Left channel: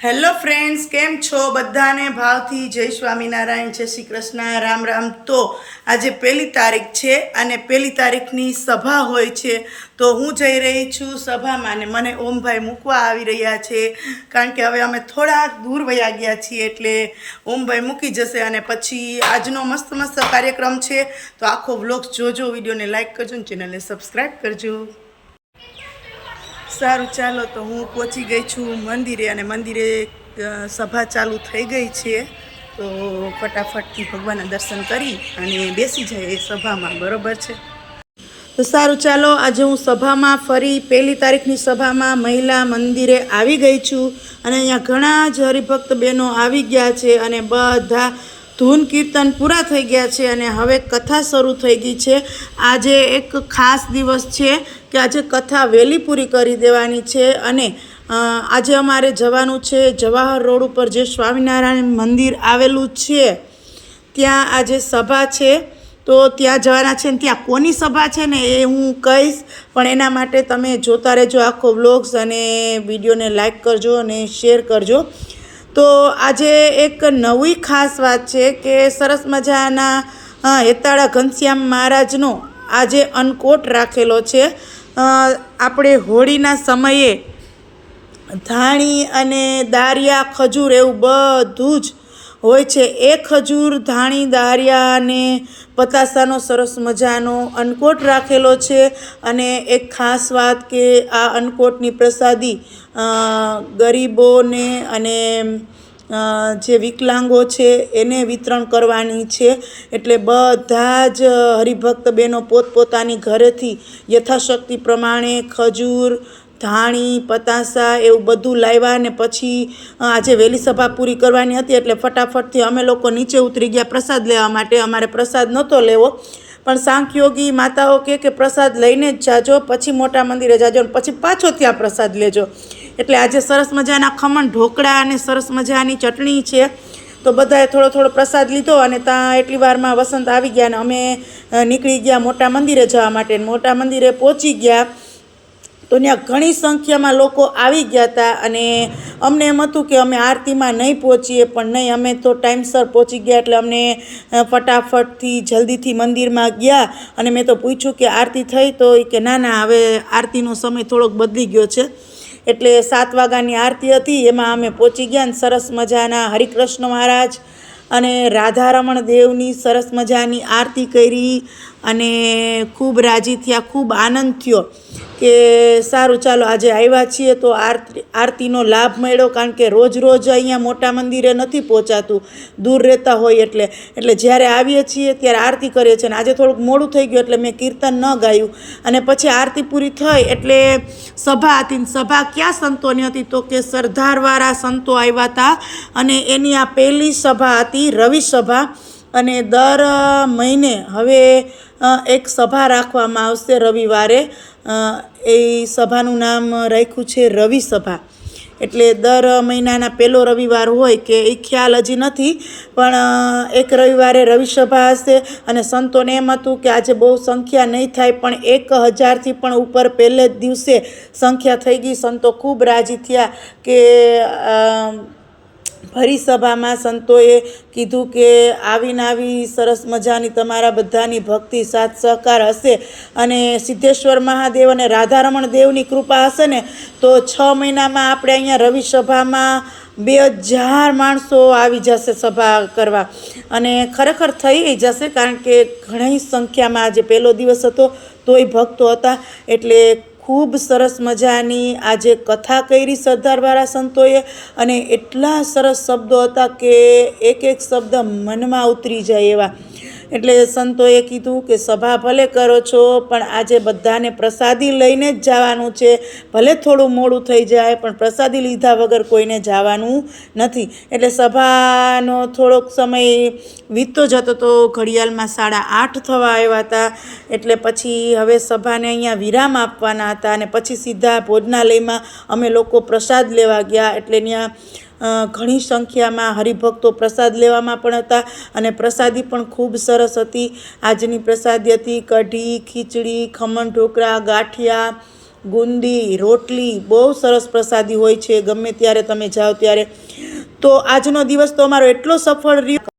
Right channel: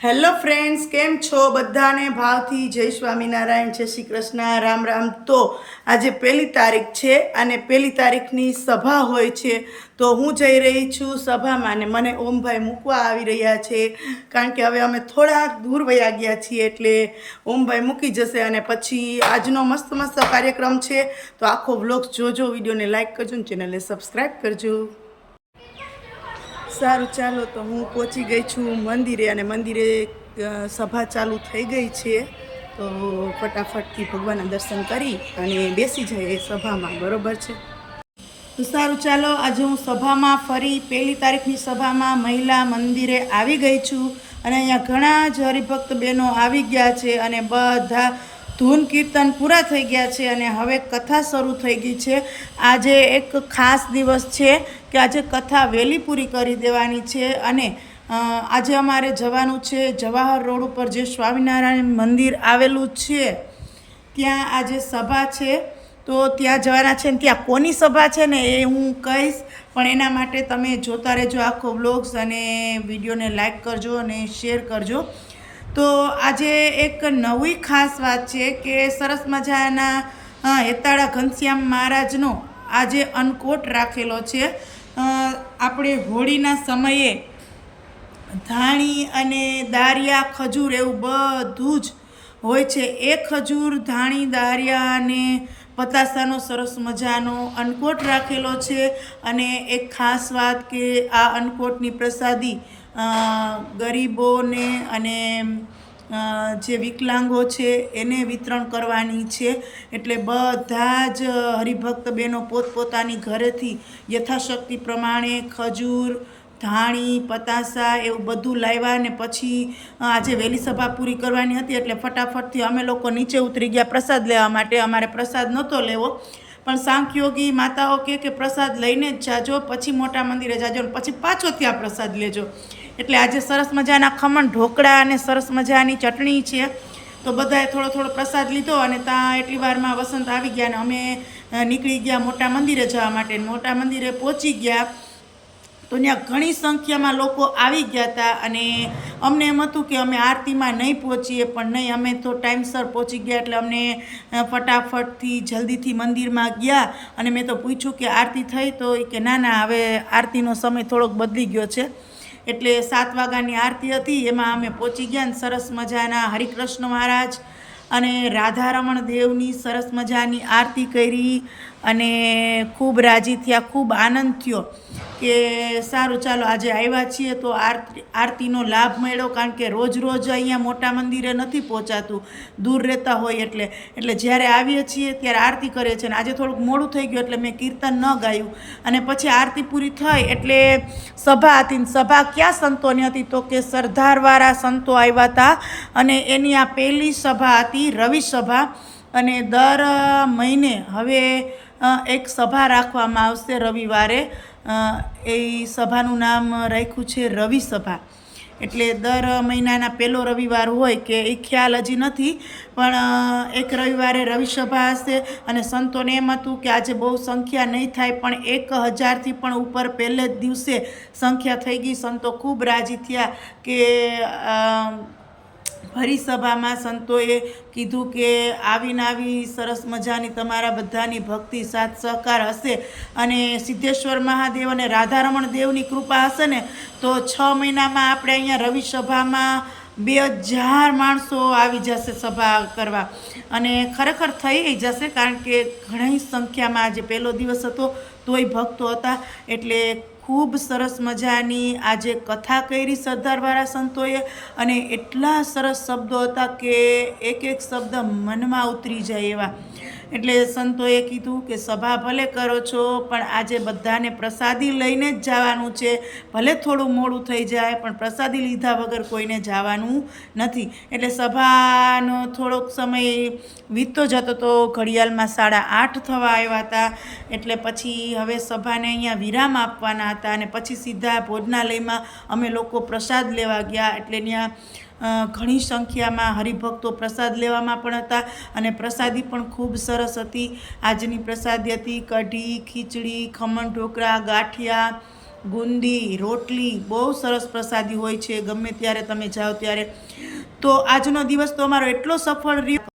Hello friends, કેમ છો? બધાને ભાવથી જય સ્વામિનારાયણ, જય શ્રી કૃષ્ણ, રામ રામ. તો આજે 1 તારીખ છે અને 1 તારીખની સભા હોય છે. તો હું જઈ રહી છું સભામાં અને મને ઓમભાઈ મૂકવા આવી રહ્યા છે, કારણ કે હવે અમે થોડા દૂર વયા ગયા છીએ એટલે ઓમભાઈ મૂકી જશે અને પછી આજનો મસ્ત મસ્ત કાર્યક્રમ છે. તો આખો વ્લોગ જોજો, વિડીયોને લાઈક કરજો અને ચેનલને સબસ્ક્રાઈબ કરજો. સારું, ચાલો. તો હું પહોંચી ગઈ છું મંદિરે અને મંદિરે સભા ચાલુ થઈ ગઈ છે. તો ફટાફટથી ભગવાનના દર્શન કરી અને બેસી જાય એ સભામાં, બરોબર છે? તો સારું, ચાલો. આજે હું સભામાં ફરી 1 તારીખની સભામાં મહિલા મંદિરે આવી ગઈ છું અને અહીંયા ઘણા જ હરિભક્ત બહેનો આવી ગયા છે અને બધા ધૂન કીર્તન પૂરા થઈ ગયા છે અને હવે કથા શરૂ થઈ ગઈ છે. આજે એક ખાસ દિવસ છે કે આજે કથા વહેલી પૂરી કરી દેવાની છે અને આજે અમારે જવાનું છે જવાહર રોડ ઉપર જે સ્વામિનારાયણ મંદિર આવેલું છે ત્યાં આજે સભા છે. તો ત્યાં જવાના છે ને ત્યાં કોની સભા છે ને એ હું કહીશ, પણ એના માટે તમે જોતા રહેજો આખો વ્લોગ્સ અને વિડીયોને લાઈક કરજો અને શેર કરજો. તો આજે એક નવી ખાસ વાત છે કે સરસ મજાના હેતાળા ઘનશ્યામ મહારાજનો આજે અન્નકોટ રાખેલો છે. આપણે હોળીના સમયે ધાણી અને દારિયા ખજૂર એવું બધું જ હોય છે. એ ખજૂર, ધાણી, દારિયા અને પતાસાનો સરસ મજાનો અન્નકોટ રાખેલો છે. અને એક ખાસ વાત કે આ અન્નકોટની પ્રસાદી ગરીબોને અને જે વિકલાંગો છે એને વિતરણ કરવાની છે. એટલે બધા જ હરિભક્ત બહેનો પોતપોતાની ઘરેથી યથાશક્તિ પ્રમાણે ખજૂર, ધાણી, પતાસા એવું બધું લાવ્યા ને પછી આજે વહેલી સભા પૂરી કરવાની હતી એટલે ફટાફટથી અમે લોકો નીચે ઉતરી ગયા પ્રસાદ લેવા માટે. અમારે પ્રસાદ નહોતો લેવો, પણ સાંખ્યોગી માતાઓ કે પ્રસાદ લઈને જ જાજો, પછી મોટા મંદિરે જાજો અને પછી પાછો ત્યાં પ્રસાદ લેજો. એટલે આજે સરસ મજાના ખમણ ઢોકળા અને સરસ મજાની ચટણી છે. તો બધાએ થોડો થોડો પ્રસાદ લીધો અને ત્યાં એટલી વારમાં વસંત આવી ગયા અને અમે નીકળી ગયા મોટા મંદિરે જવા માટે. મોટા મંદિરે પહોંચી ગયા તો ત્યાં ઘણી સંખ્યામાં લોકો આવી ગયા હતા અને અમને એમ હતું કે અમે આરતીમાં નહીં પહોંચીએ, પણ નહીં, અમે તો ટાઈમસર પહોંચી ગયા. એટલે અમને ફટાફટથી જલ્દીથી મંદિરમાં ગયા અને મેં તો પૂછ્યું કે આરતી થઈ? તો એ કે ના, હવે આરતીનો સમય થોડોક બદલી ગયો છે. એટલે 7 વાગ્યાની આરતી હતી, એમાં અમે પહોંચી ગયા અને સરસ મજાના હરિકૃષ્ણ મહારાજ અને રાધારમણ દેવની સરસ મજાની આરતી કરી અને ખૂબ રાજી થયા, ખૂબ આનંદ થયો કે સારું, ચાલો આજે આવ્યા છીએ તો આરતીનો લાભ મળ્યો. કારણ કે રોજ અહીંયા મોટા મંદિરે નથી પહોંચાતું, દૂર રહેતા હોય એટલે જ્યારે આવીએ છીએ ત્યારે આરતી કરીએ છીએ. અને આજે થોડુંક મોડું થઈ ગયું એટલે મેં કીર્તન ન ગાયું અને પછી આરતી પૂરી થઈ એટલે સભા હતી. સભા ક્યાં સંતોની હતી? તો કે સરદારવાળા સંતો આવ્યા હતા અને એની આ પહેલી સભા હતી, રવિ સભા. અને દર મહિને હવે એક સભા રાખવામાં આવશે રવિવારે. એ સભાનું નામ રાખ્યું છે રવિ સભા. એટલે દર મહિનાના પહેલો રવિવાર હોય કે એ ખ્યાલ હજી નથી, પણ એક રવિવારે રવિ સભા હશે. અને સંતોને એમ હતું કે આજે બહુ સંખ્યા નહીં થાય, પણ 1000થી પણ ઉપર પહેલે જ દિવસે સંખ્યા થઈ ગઈ. સંતો ખૂબ રાજી થયા કે ભરી સભામાં સંતોએ કીધું કે આવી સરસ મજાની તમારા બધાની ભક્તિ, સાથ સહકાર હશે અને સિદ્ધેશ્વર મહાદેવ અને રાધારમણ દેવની કૃપા હશે ને તો 6 મહિનામાં આપણે અહીંયા રવિ સભામાં 2000 માણસો આવી જશે સભા કરવા. અને ખરેખર થઈ જશે, કારણ કે ઘણી સંખ્યામાં આજે પહેલો દિવસ હતો તોય ભક્તો હતા. એટલે ખૂબ સરસ મજાની આજે કથા કરી સરદારવાળા સંતોએ અને એટલા સરસ શબ્દો હતા કે એક શબ્દ મનમાં ઉતરી જાય એવા. એટલે સંતોએ કીધું કે સભા ભલે કરો છો પણ આજે બધાને પ્રસાદી લઈને જ જવાનું છે. ભલે થોડું મોડું થઈ જાય પણ પ્રસાદી લીધા વગર કોઈને જવાનું નથી. એટલે સભાનો થોડોક સમય વીતતો જતો તો ઘડિયાળમાં 8:30 થવા આવ્યા હતા. એટલે પછી હવે સભાને અહીંયા વિરામ આપવાના હતા અને પછી સીધા ભોજનાલયમાં અમે લોકો પ્રસાદ લેવા ગયા. એટલે ત્યાં ઘણી સંખ્યામાં હરિભક્તો પ્રસાદ લેવામાં પણ હતા અને પ્રસાદી પણ ખૂબ સરસ હતી. આજની પ્રસાદી હતી કઢી, ખીચડી, ખમણ ઢોકળા, ગાંઠિયા, ગુંદી, રોટલી બહુ સરસ પ્રસાદી હોય છે ગમે ત્યારે તમે જાઓ ત્યારે. તો આજનો દિવસ તો અમારો એટલો સફળ રહ્યો.